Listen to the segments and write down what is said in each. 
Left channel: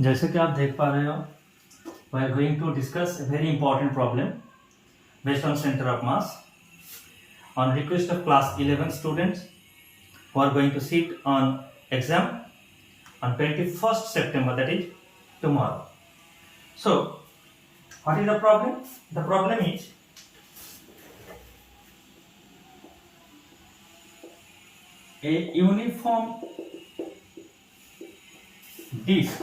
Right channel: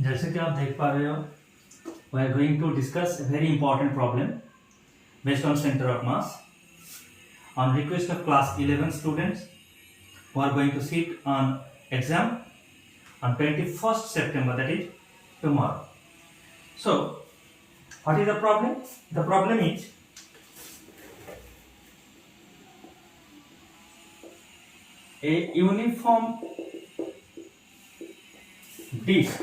जैसे कि आप देख पा रहे हो, we are going to discuss a very important problem based on center of mass on request of class 11 students who are going to sit on exam on 21st September, that is tomorrow. So what is the problem? The problem is a uniform disk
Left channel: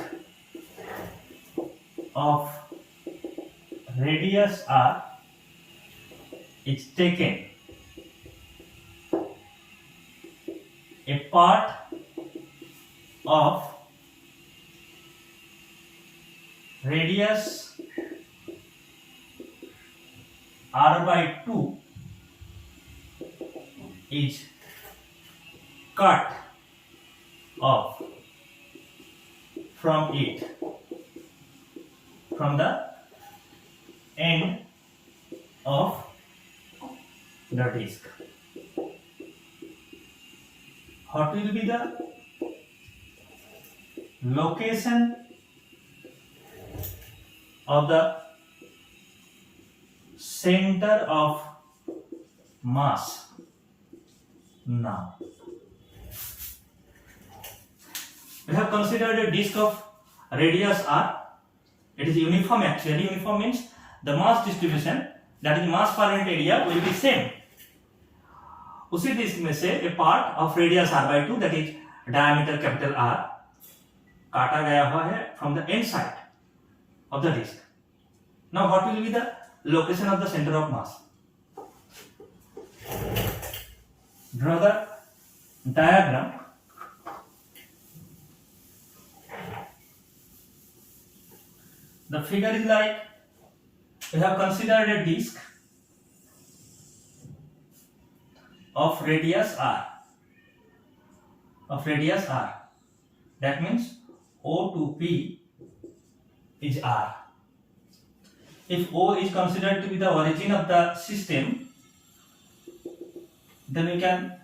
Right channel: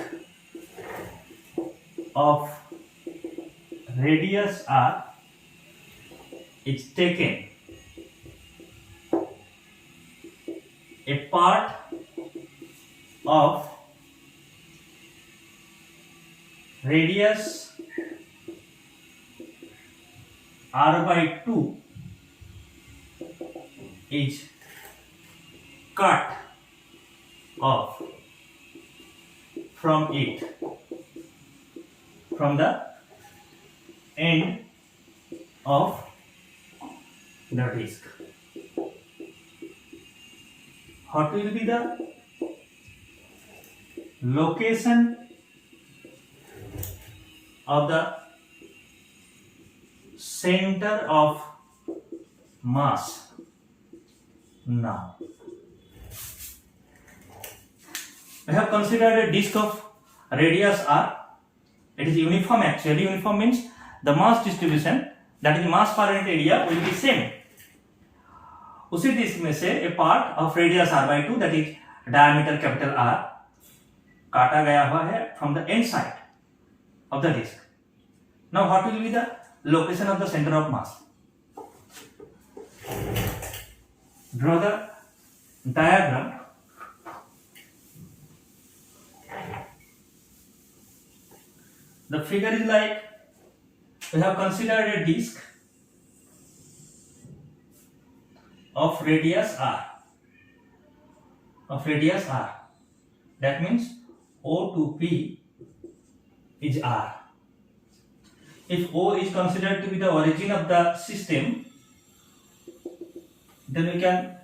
of radius r is taken a part of radius r by 2 is cut off from the end of the disk. What will be the location of the center of mass? Now we have considered a disk of radius r. It is uniform. Actually uniform means the mass distribution, that is mass per unit area, will be same. उसी disc में से a part of radius r by 2, that is diameter capital R, काटा गया हुआ है from the end side of the disk. Now what will be the location of the center of mass? Draw the diagram. The figure is like, we have considered a disk of radius r. That means O to P is r. If O is considered to be the origin of the system, then we can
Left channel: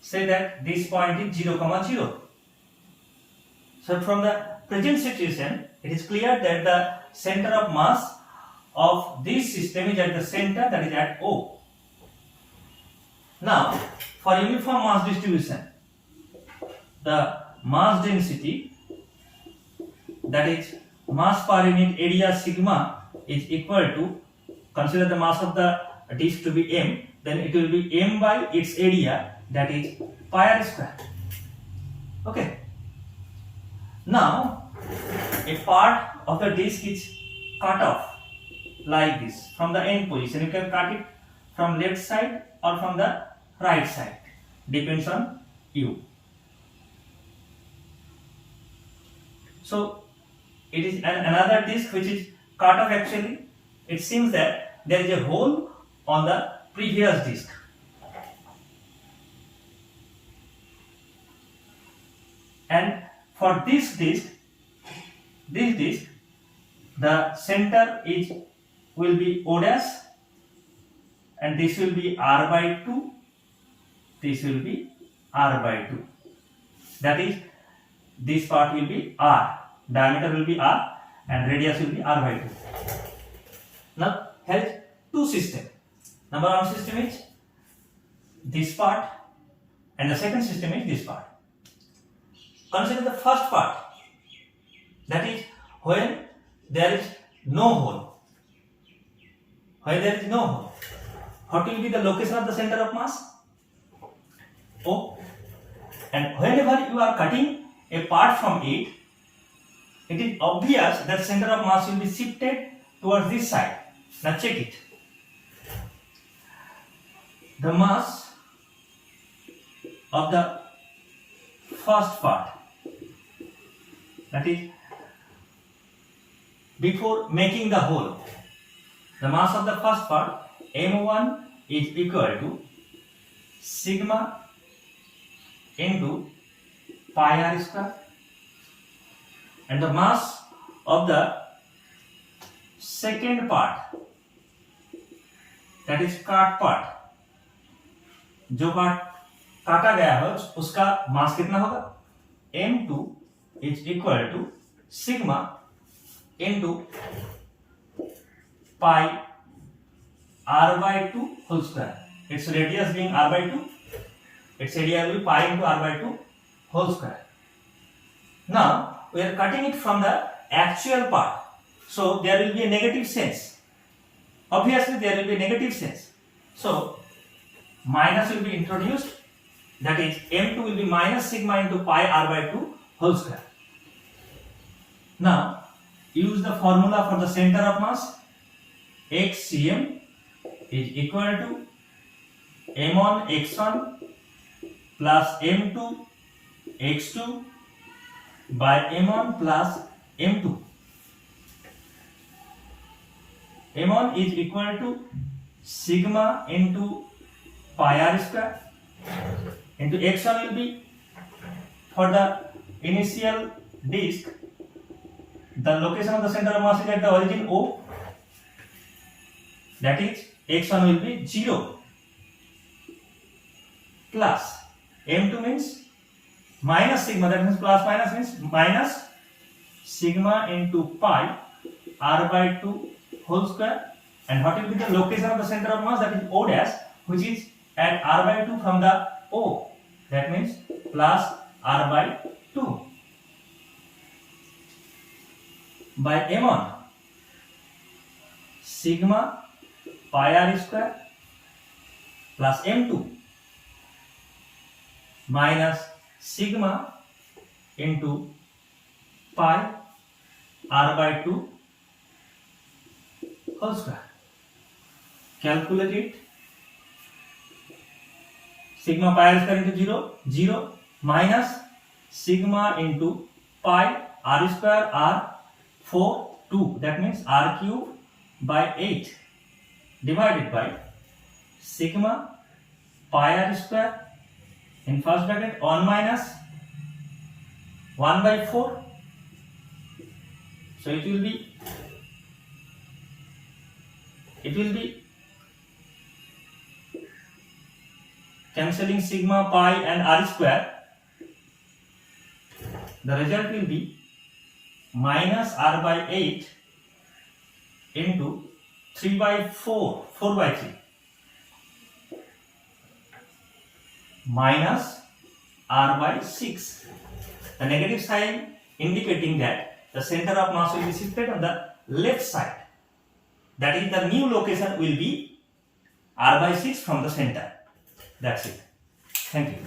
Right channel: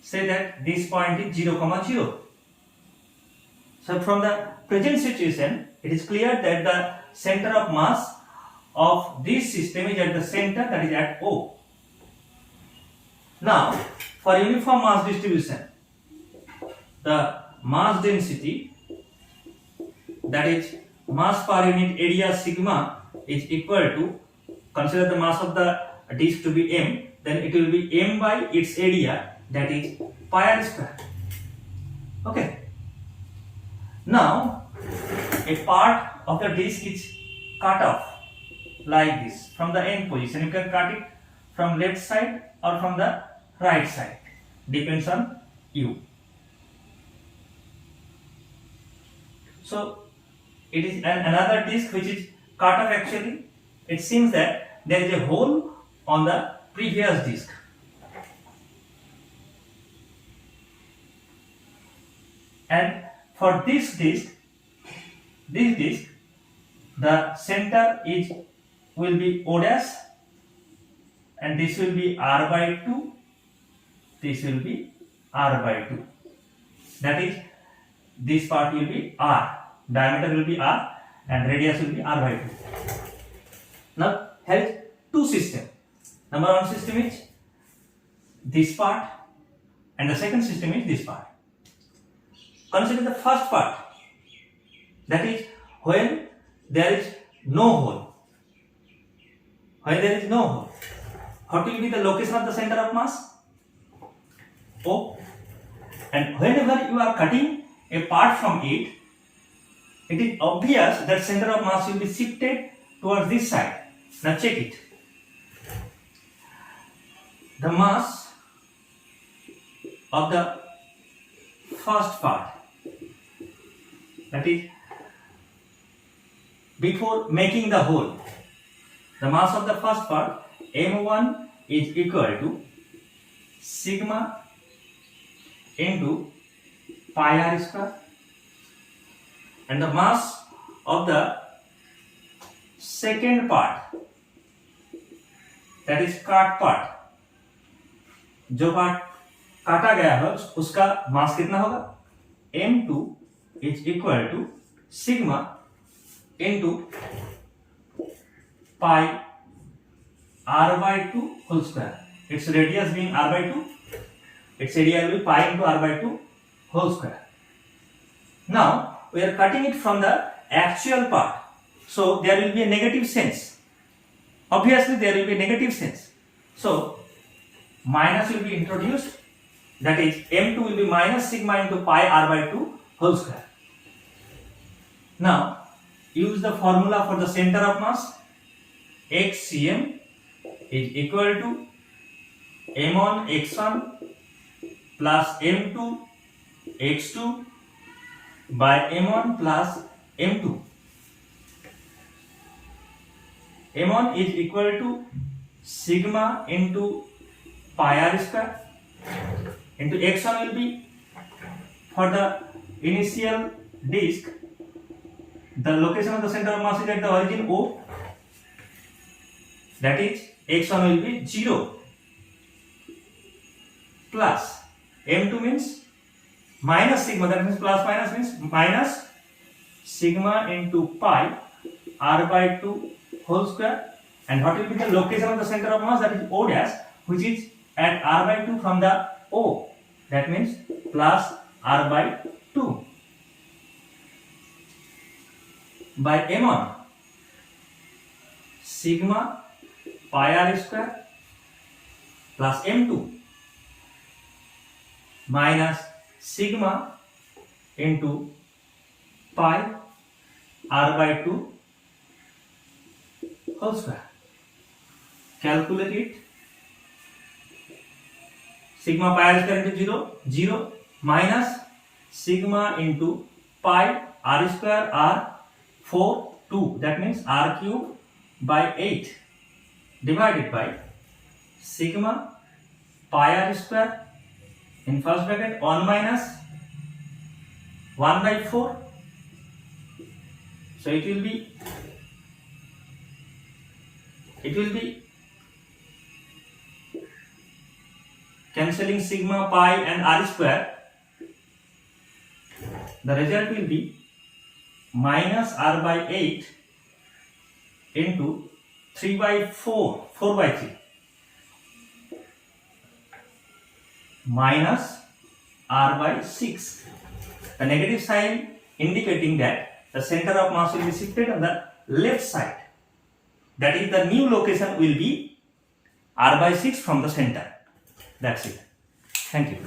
say that this point is 0, 0. So from the present situation, it is clear that the center of mass of this system is at the center, that is at O. Now, for uniform mass distribution, the mass density, that is mass per unit area sigma, is equal to, consider the mass of the disk to be m, then it will be m by its area, that is pi r square. Okay. Now, a part of the disk is cut off like this from the end position. You can cut it from left side or from the right side, depends on you. So it is another disk which is cut off. Actually, it seems that there is a hole on the previous disk. And for this disk, the center will be O dash, and this will be r by 2, this will be r by 2. That is, this part will be r, diameter will be r, and radius will be r by 2. Now, has two systems. Number one system is this part, and the second system is this part. Consider the first part, that is when there is no hole. When there is no hole, what will be the location of the center of mass? O. And whenever you are cutting a part from it, it is obvious that center of mass will be shifted towards this side. Now check it. The mass of the first part, that is before making the hole, the mass of the first part m1 is equal to sigma into pi r square, and the mass of the second part, that is cut part, जो part काटा गया है उसका मास कितना होगा m2 is equal to sigma into pi r by 2 whole square. Its radius being r by 2, its area will be pi into r by 2 whole square. Now we are cutting it from the actual part, so there will be a negative sense. Obviously there will be a negative sense, so minus will be introduced, that is m2 will be minus sigma into pi r by 2 whole square. Now use the formula for the center of mass. xcm is equal to m1 x1 plus m2 x2 by m1 plus m2. m1 is equal to sigma into pi r square into x1 will be for the initial disk, the location of the center of mass is at the origin O, that is x1 will be 0 plus m2 means minus sigma, that means plus minus means minus sigma into pi r by 2 whole square, and what will be the location of the center of mass, that is O dash, which is at r by 2 from the O, that means plus r by 2 by m1 sigma pi r square plus m2 minus sigma into pi r by 2 whole square. Calculate it. Sigma pi r square into 0, 0 minus sigma into pi r square r 4, 2, that means r cube by 8 divided by sigma pi r square in first bracket 1 minus 1 by 4, so it will be cancelling sigma pi and r square, the result will be minus r by 8 into 3 by 4 by 3 minus r by 6. The negative sign indicating that the center of mass will be shifted on the left side, that is the new location will be r by 6 from the center. That's it. Thank you.